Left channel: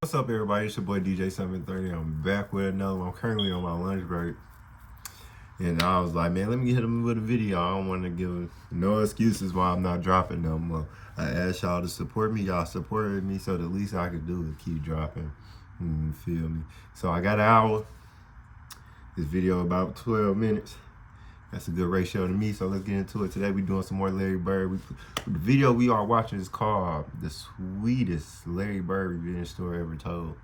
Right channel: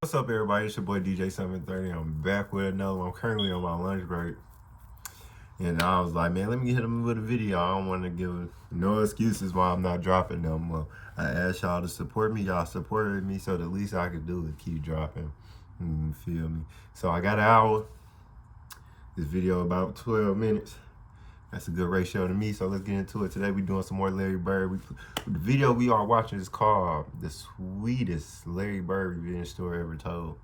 What's up, everybody? It's your boy DJ 730. I'm back with another one. I'm currently on my lunch break. And I was like, man, let me hit them with a video. I don't want to give no excuses why I'm not dropping them. Well, I asked y'all to support me. Y'all supported me, so the least I could do is keep dropping. You feel me? So I got an hour. This video about 12 minutes. That's a good ratio to me, so let's get into it. Today we're doing some more Larry Bird. The video we are watching is called The Sweetest Larry Bird Revenge Story Ever Told.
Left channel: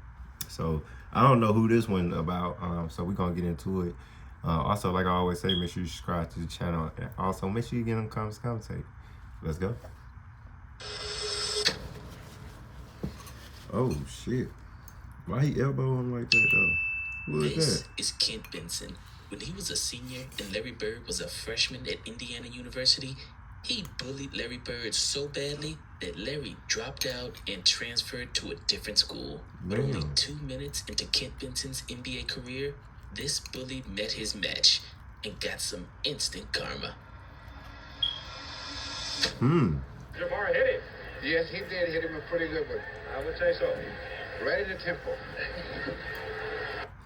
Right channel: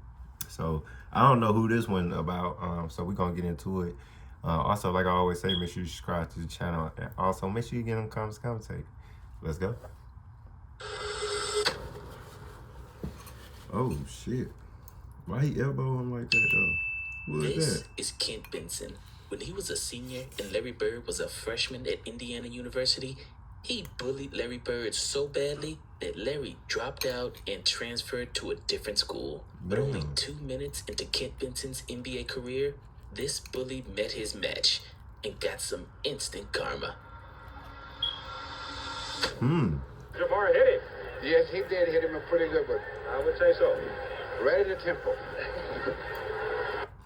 So I don't know who this one about, so we're gonna get into it. Also, like I always say, make sure you subscribe to the channel. And also, make sure you get in the comments, commentate. Let's go. Oh shit. Why he elbow him like that though? Who is This that? is Kent Benson. When he was a senior and Larry Bird was a freshman at Indiana University, he bullied Larry Bird so badly that Larry dropped out and transferred to a different school. But only 2 minutes into Kent Benson's NBA career, this bully met his match and got some instant karma. Jamar hit him. Yes, he did hit him a pretty good one. I would say so. Right at the temple.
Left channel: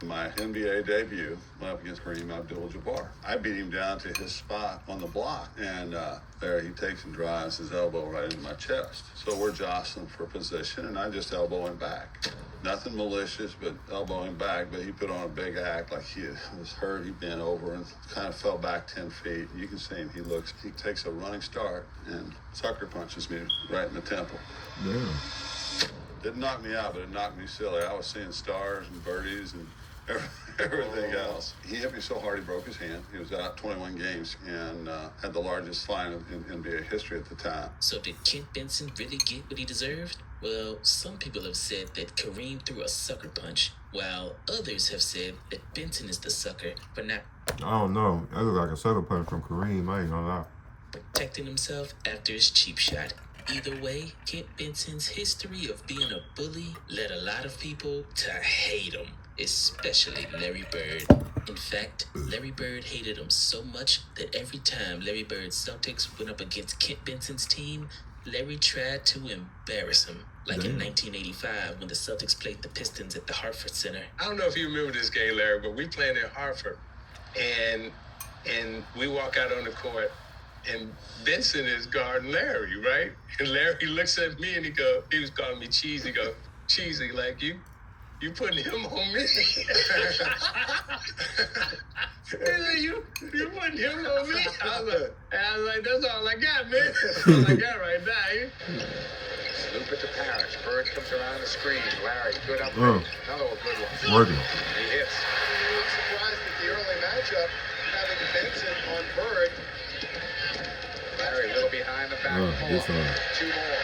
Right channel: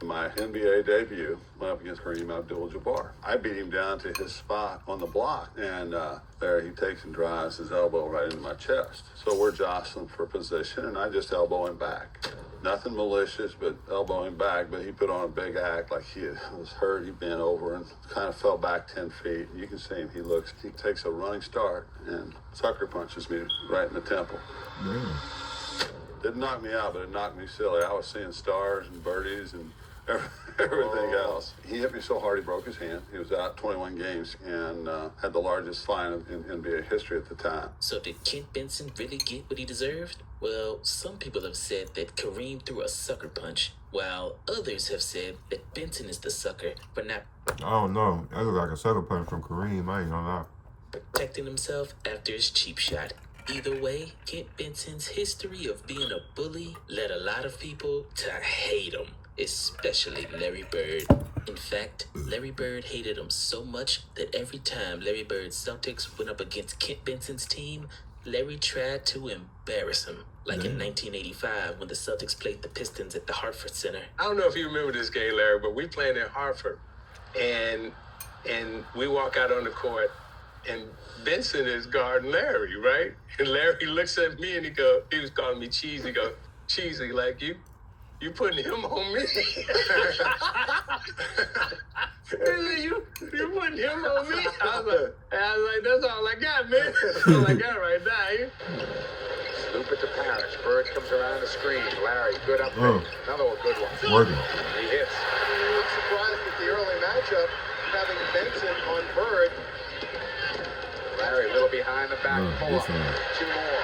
My NBA debut went up against Kareem Abdul-Jabbar. I beat him down to his spot on the block, and there he takes and drives his elbow right into my chest. So we're jostling for position, and I just elbow him back. Nothing malicious, but elbow him back, but he put on a big act like he was hurt. He bent over and kind of fell back 10 feet. You can see him. He takes a running start and sucker punches me right in the temple. Didn't knock me out, but it knocked me silly. I was seeing stars and birdies and everything else. He hit me so hard he broke his hand. He was out 21 games and had the largest fine in NBA history at the time. So did Kent Benson really get what he deserved? Well, some people have said that Kareem threw a sucker punch, while others have said that Benson is the sucker for not I don't know. That look like a sucker punch from Kareem. I ain't gonna lie. protecting himself after his cheap shot. Either way, Kent Benson's history of being a bully led a lot of people to hate him, especially Larry Bird. In fact, Larry Bird hated him so much that every time Larry Bird's Celtics went up against Kent Benson's team, Larry tried to embarrass him. Like in 1985 when the Celtics played the Pistons at the Hartford Center. I don't know if you remember this game, Larry, but we playing in Hartford, and we walk out on the court, and Benson is guarding Larry, right? And Larry looks at me and he was calling me cheesy. He goes, cheesy, like you putting him on me. you putting him on me? I was like, that's all I got, man. That's all I got right now. Loop it to Parrish. Bird comes around the screen. Larry, good up there. Another one, good one. Working. He hits. I'm surprised at the early matchup, having Benson on Bird. Larry, a little behind the back. This one. Two more.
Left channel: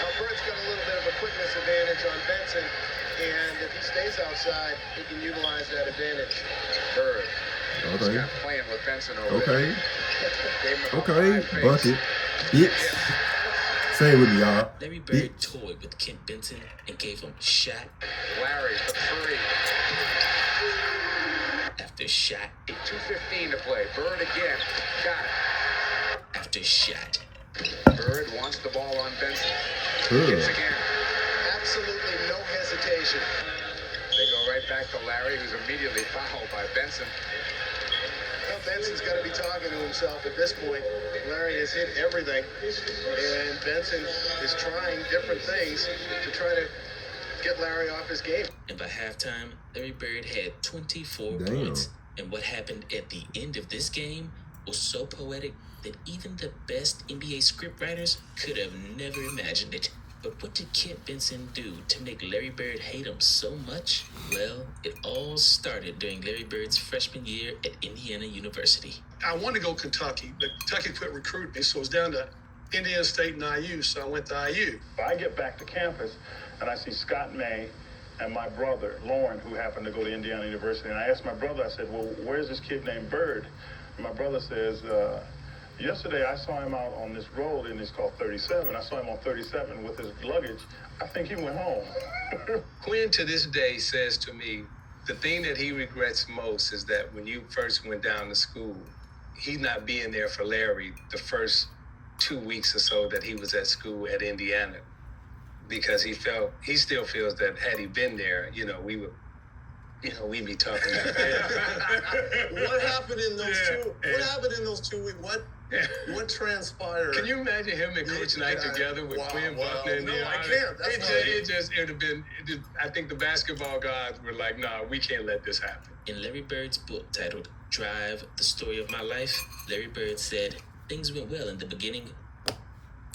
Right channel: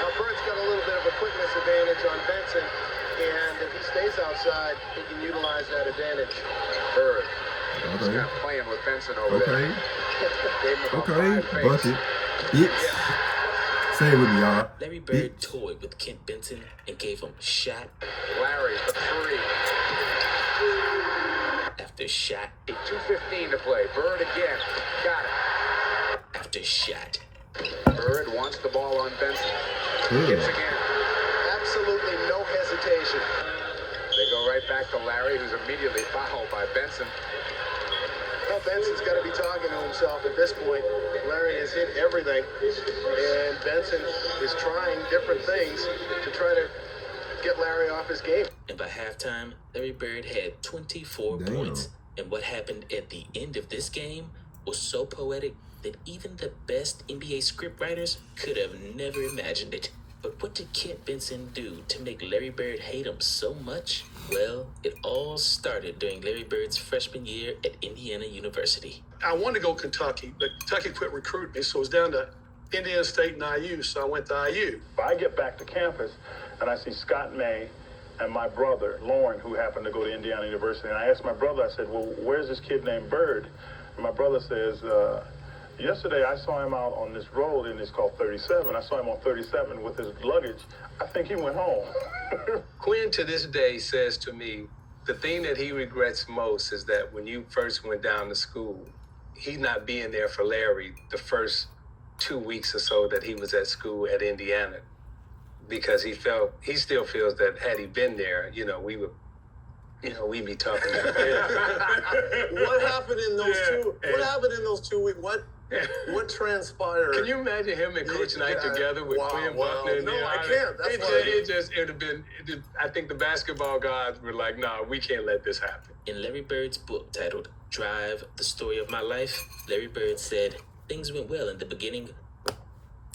Now, Bird's got a little bit of a quickness advantage on Benson, and if he stays outside, he can utilize that advantage. Bird. Just kind of playing with Benson over there. Okay. Bucket. Bitch. Say it with me, y'all. Larry Bird toyed with Kent Benson and gave him shot Larry, the three. after shot 2:15 to play. Bird again. Got it. after shot. Bird wants the ball on Benson. Hits again. Absolutely no hesitation. They go right back to Larry, who's immediately fouled by Benson. Well, Benson's got to be talking to himself at this point. Larry has hit everything, and Benson is trying different things to try to get Larry off his game. And by halftime, Larry Bird had 24 points. And what happened at the end of this game was so poetic that even the best NBA scriptwriters could have never imagined it. But what did Kent Benson do to make Larry Bird hate him so much? Well, it all started during Larry Bird's freshman year at Indiana University. I wanted to go Kentucky, but Kentucky quit recruiting me, so it was down to Indiana State and IU, so I went to IU. I get back to campus, and I see Scott May and my brother, Lauren, who happened to go to Indiana University. And I asked my brother, I said, well, where's this kid named Bird? And my brother says, yesterday I saw him out on this road, and it's called 37. I saw him on 37 with his luggage. I think he went home. Quinn to this day says to me, the thing that he regrets most is that when you first went down to school, he not being there for Larry the first 2 weeks or so that he was at school at Indiana. because he still feels that had he been there, we would, we'd be talking about What happened in those two? Yeah, What happened in those 2 weeks? What transpired? Can you imagine him and Coach Knight together with Quinn Buckner? No, I can't. It would have been. I think the basketball gods were like, "Nah, we can't let this happen." In Larry Bird's book titled Drive, The Story of My Life, Larry Bird said, things went well in the beginning.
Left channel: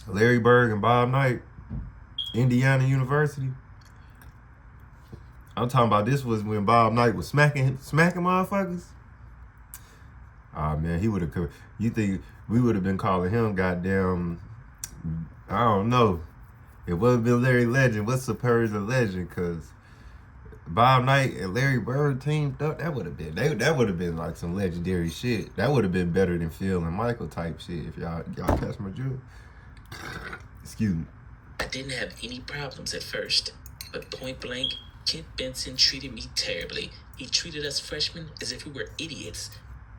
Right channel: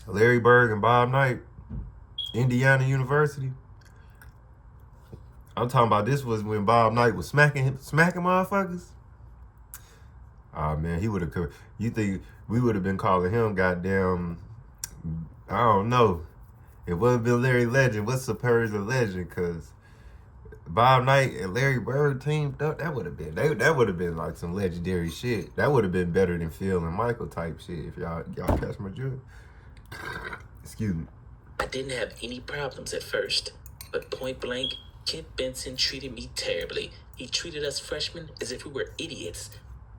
Larry Bird and Bob Knight, Indiana University. I'm talking about this was when Bob Knight was smacking motherfuckers. Oh man, he would have. You think we would have been calling him goddamn? I don't know. It wasn't been Larry Legend. What's Superior's a legend? Cause Bob Knight and Larry Bird teamed up. That would have been. That would have been like some legendary shit. That would have been better than Phil and Michael type shit. If y'all catch my drift. Excuse me. I didn't have any problems at first, but point blank, Kent Benson treated me terribly. He treated us freshmen as if we were idiots.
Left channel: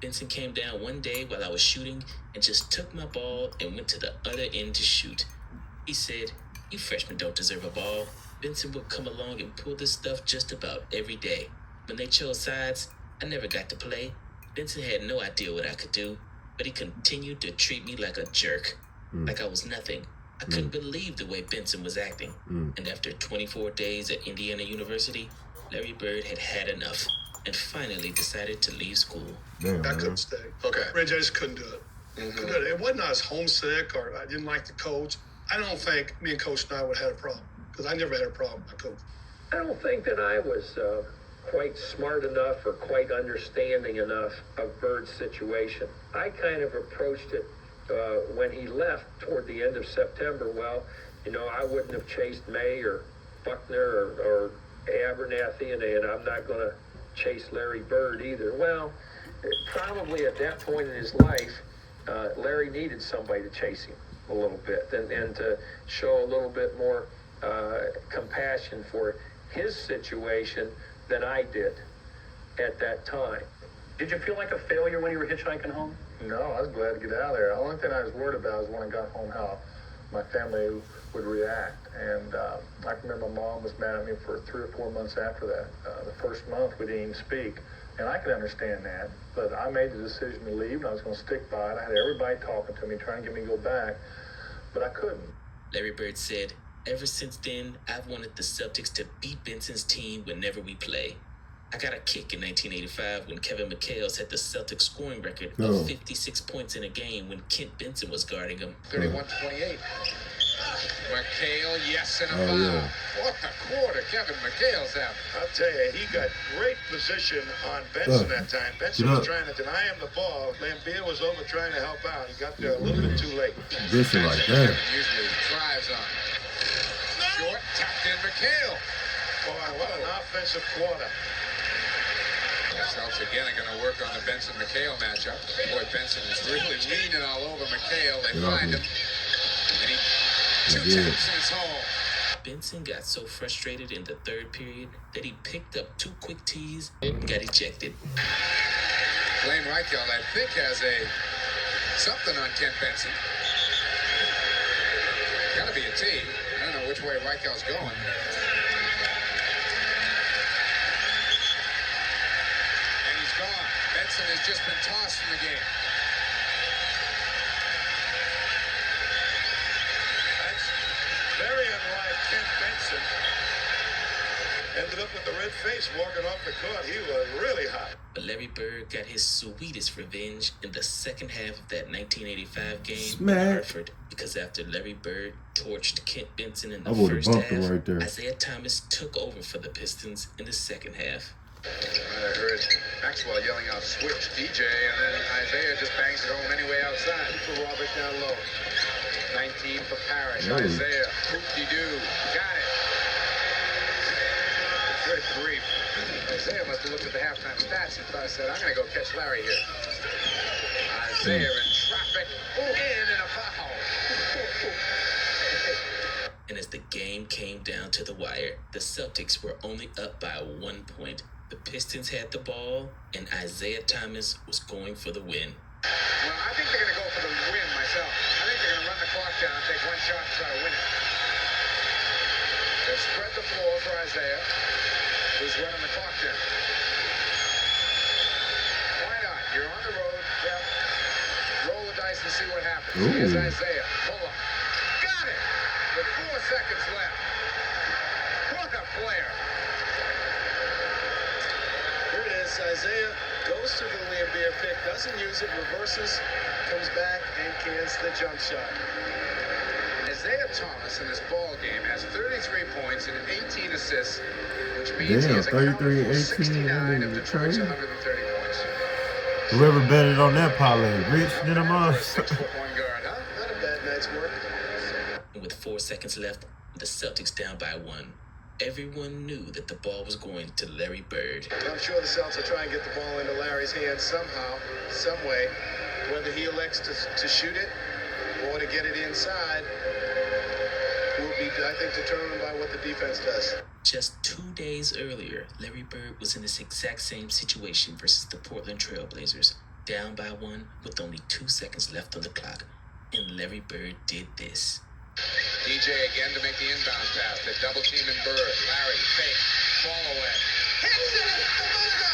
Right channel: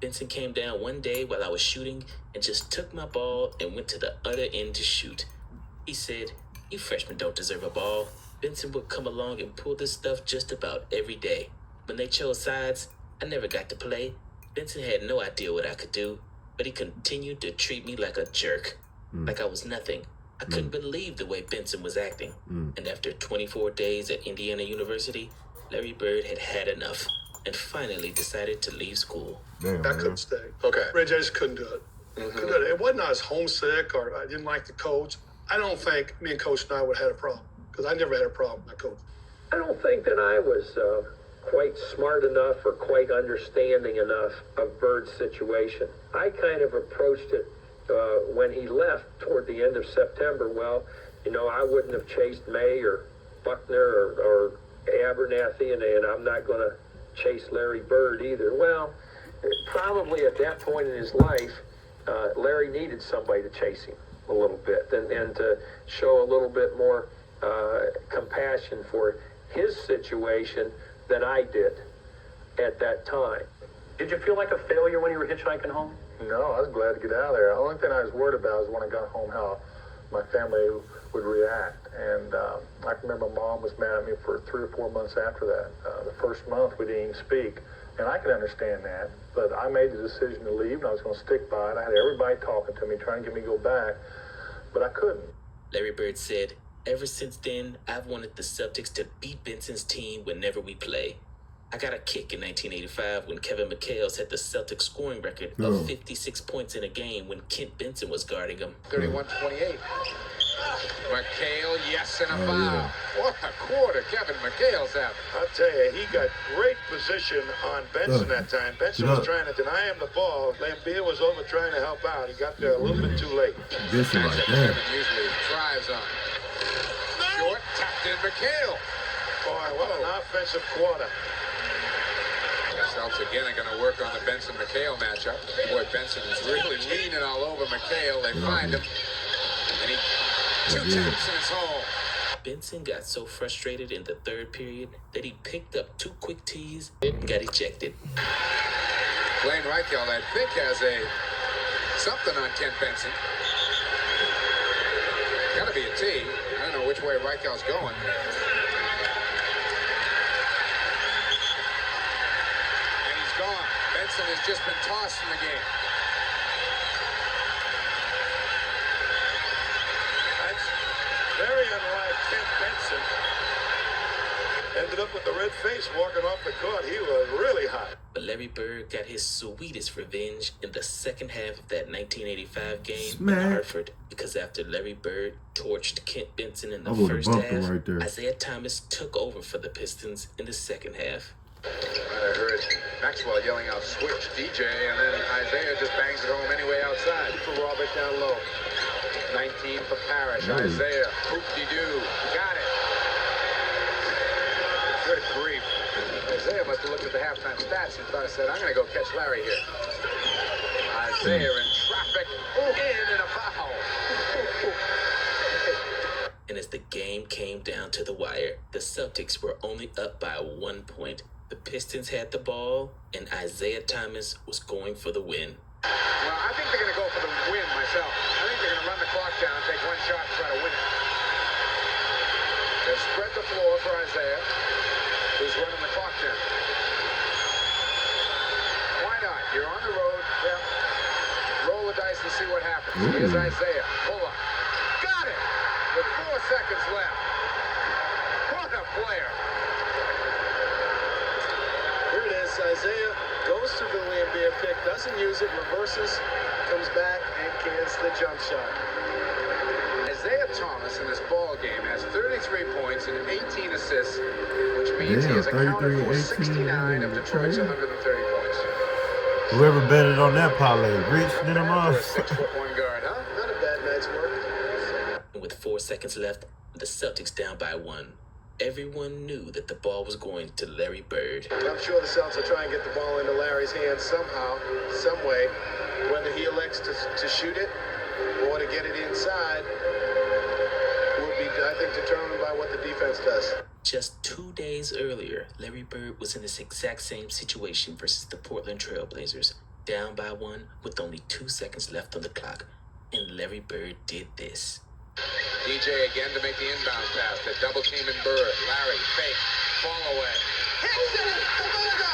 Benson came down one day while I was shooting and just took my ball and went to the other end to shoot. He said, "You freshmen don't deserve a ball." Benson would come along and pull this stuff just about every day. When they chose sides, I never got to play. Benson had no idea what I could do, but he continued to treat me like a jerk, like I was nothing. I couldn't believe the way Benson was acting. And after 24 days at Indiana University, Larry Bird had had enough and finally decided to leave school. Damn, I man. couldn't stay. Okay. Reggie, I just couldn't do it. Couldn't do it. It wasn't I was homesick or I didn't like the coach. I don't think me and Coach Knight would have had a problem because I never had a problem with my coach. I don't think that I was quite smart enough or quite understanding enough of Bird's situation. I kind of approached it when he left toward the end of September. Well, I wouldn't have chased May or Buckner or Abernathy, and I'm not going to chase Larry Bird either. Well, probably at that point in his life, Larry needed somebody to chase him a little bit and to show a little bit more compassion for his situation than I did at that time. Did you feel like a failure when you were hitchhiking home? No, I was glad to get out of there. The only thing I was worried about was when I got home how my family would react. And I can remember my mom was mad at me for 3 or 4 months after that. The first month we didn't even speak. And I could understand that. But I made the decision to leave and I was going to stick by it. I had everybody talking to me, trying to get me to go back. But I couldn't. Larry Bird said, ever since then, I've wanted the Celtics to beat Benson's team whenever we play. I got a kick in 1985 when Kevin McHale set the Celtics scoring record of 56 points in a game when Kent Benson was guarding him. 31-28. McHale, yes, and a foul. What a quarter Kevin McHale's having. I'll tell you, he got great position on Benson that time. Benson was trying to deny him the ball. Lambeer was over trying to help out. He got there a little bit too late. This is like that. Usually thrives on it. Short, tucked in McHale. Boy, what an offensive quarter. The Celtics again are going to work on the Benson-McHale matchup. Boy, Benson is really leaning all over McHale. They find him. And he two taps and it's home. Benson got so frustrated in the third period that he picked up 2 quick tees and got ejected. Blaine Reichelt, I think, has something on Kent Benson. Gotta be a tee. I don't know which way Reichelt's going. And he's gone. Benson has just been tossed from the game. That's very unlike Kent Benson. Ended up with the red face walking off the court. He was really hot. But Larry Bird got his sweetest revenge in the second half of that 1985 game Smack. in Hartford, because after Larry Bird torched Kent Benson in the I would've first bumped half, him right there. Isaiah Thomas took over for the Pistons in the second half. I heard Maxwell yelling out, switch DJ, and then Isaiah just bangs it home anyway outside. For Robert down low. 19 for Parrish. Nice. Isaiah, hoop-de-doo. Got it. Good grief. Isaiah must have looked at the halftime stats and thought, said, I'm going to go catch Larry here. Isaiah in traffic. In a foul. And as the game came down to the wire, the Celtics were only up by 1 point. The Pistons had the ball, and Isaiah Thomas was going for the win. Well, I think they're going to go for the win myself. I think they're going to run the clock down and take one shot and try to win it. spread the floor for Isaiah, who's running the clock down. Why not? You're on the road. Yeah. Roll the dice and see what happens. Ooh. Here's Isaiah. Pull up. Got it! With 4 seconds left. What a player. Here it is. Isaiah goes to the Lambia pick, doesn't use it, reverses, comes back, and cans the jump shot. Isaiah Thomas in this ball game has 33 points and 18 assists, which means he has accounted 33 for and 18 69 of in the Detroit's trade. 130 points. Whoever betted on that parlay, rich than a For a monster. 6'1" guard, huh? Not a bad night's work. With 4 seconds left, the Celtics down by 1. Everyone knew that the ball was going to Larry Bird. I'm sure the Celtics will try and get the ball into Larry's hands somehow, some way. Whether he elects to shoot it or to get it inside will be, I think, determined by what the defense does. Just 2 days earlier, Larry Bird was in this exact same situation versus the Portland Trailblazers, down by 1 with only 2 seconds left on the clock. And Larry Bird did this. DJ again to make the inbound pass. The double team in Bird. Larry, fake, fall away. Hits it! Demoga!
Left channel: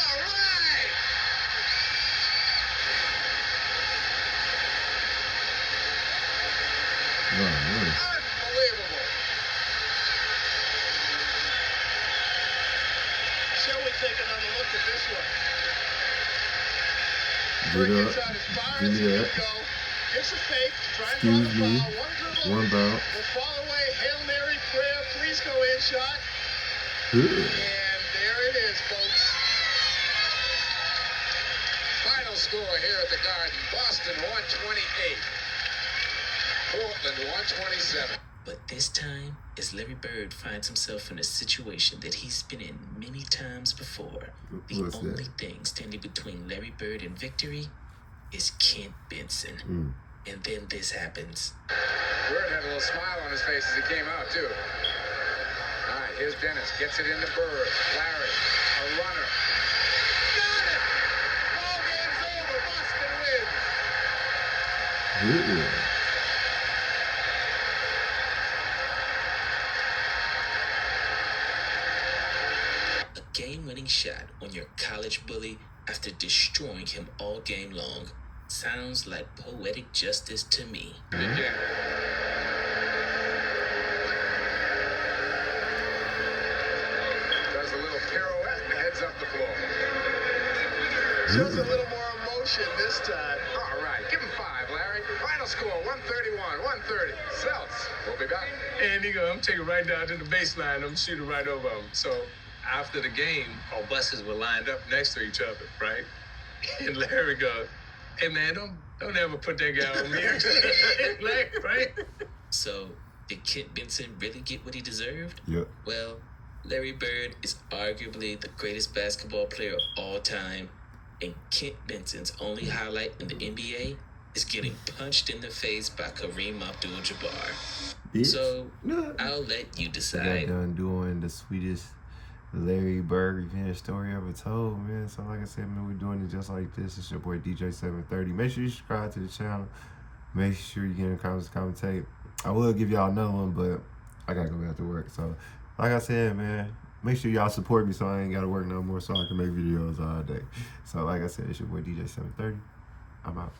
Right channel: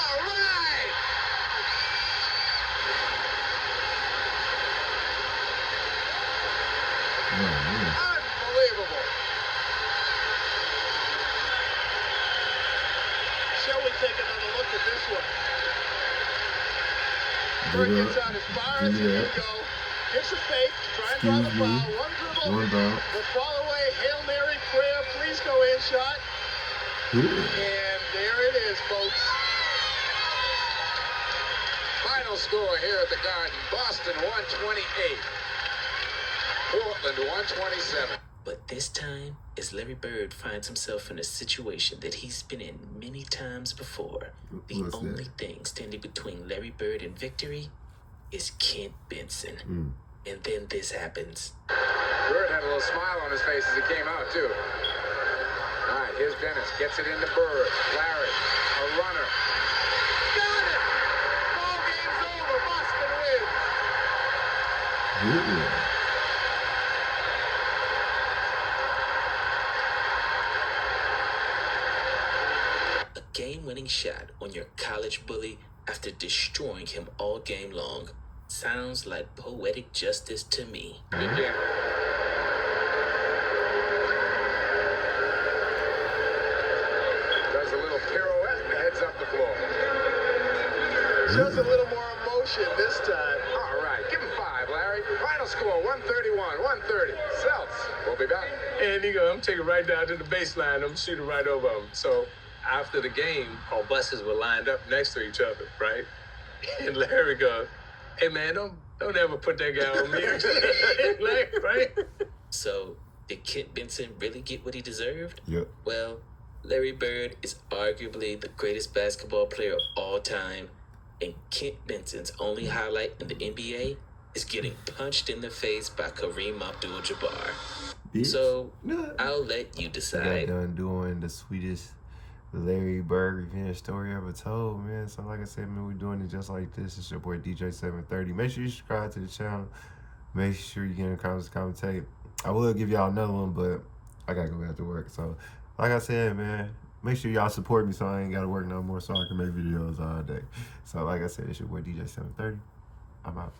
All right! Unbelievable. Shall we take another look at this one? Get Bird up. gets out as far Give as me he that. can go. Gets a fake. Try and Excuse draw the me. foul. One One dribble. bounce. The fall away. Hail Mary prayer. Please go in shot. Good. And there it is, folks. Final score here at the Garden. Boston 128. Portland 127. But this time, as Larry Bird finds himself in a situation that he's been in many times before, the What's that? only thing standing between Larry Bird and victory is Kent Benson. And then this happens. Bird had a little smile on his face as he came out, too. All right, here's Dennis. Gets it into Bird. Larry, a runner. Got it! Ball game's over. Boston wins. Good. A game-winning shot on your college bully after destroying him all game long. Sounds like poetic justice to me. Again. Does a little pirouette and heads up the floor. Shows a little more emotion this time. All right, give him 5, Larry. Final score, 131, 130. Celts, we'll be back. And he go, I'm taking right down to the baseline. I'm shooting right over him. So after the game, our buses were lined up next to each other, right? And Larry goes, hey man, don't ever put that guy on me. Like, right? So, did Kent Benson really get what he deserved? Yep. Well, Larry Bird is arguably the greatest basketball player of all time, and Kent Benson's only highlight in the NBA is getting punched in the face by Kareem Abdul-Jabbar. Bitch. So, Nah. I'll let you I got decide. done doing the sweetest Larry Bird revenge story ever told, man. So like I said, man, we're doing it just like this. It's your boy DJ730. Make sure you subscribe to the channel. Make sure you get in the comments, commentate. I will give y'all another one, but I gotta go back to work. So like I said, man, make sure y'all support me so I ain't gotta work no more so I can make videos all day. So like I said, it's your boy DJ730. I'm out.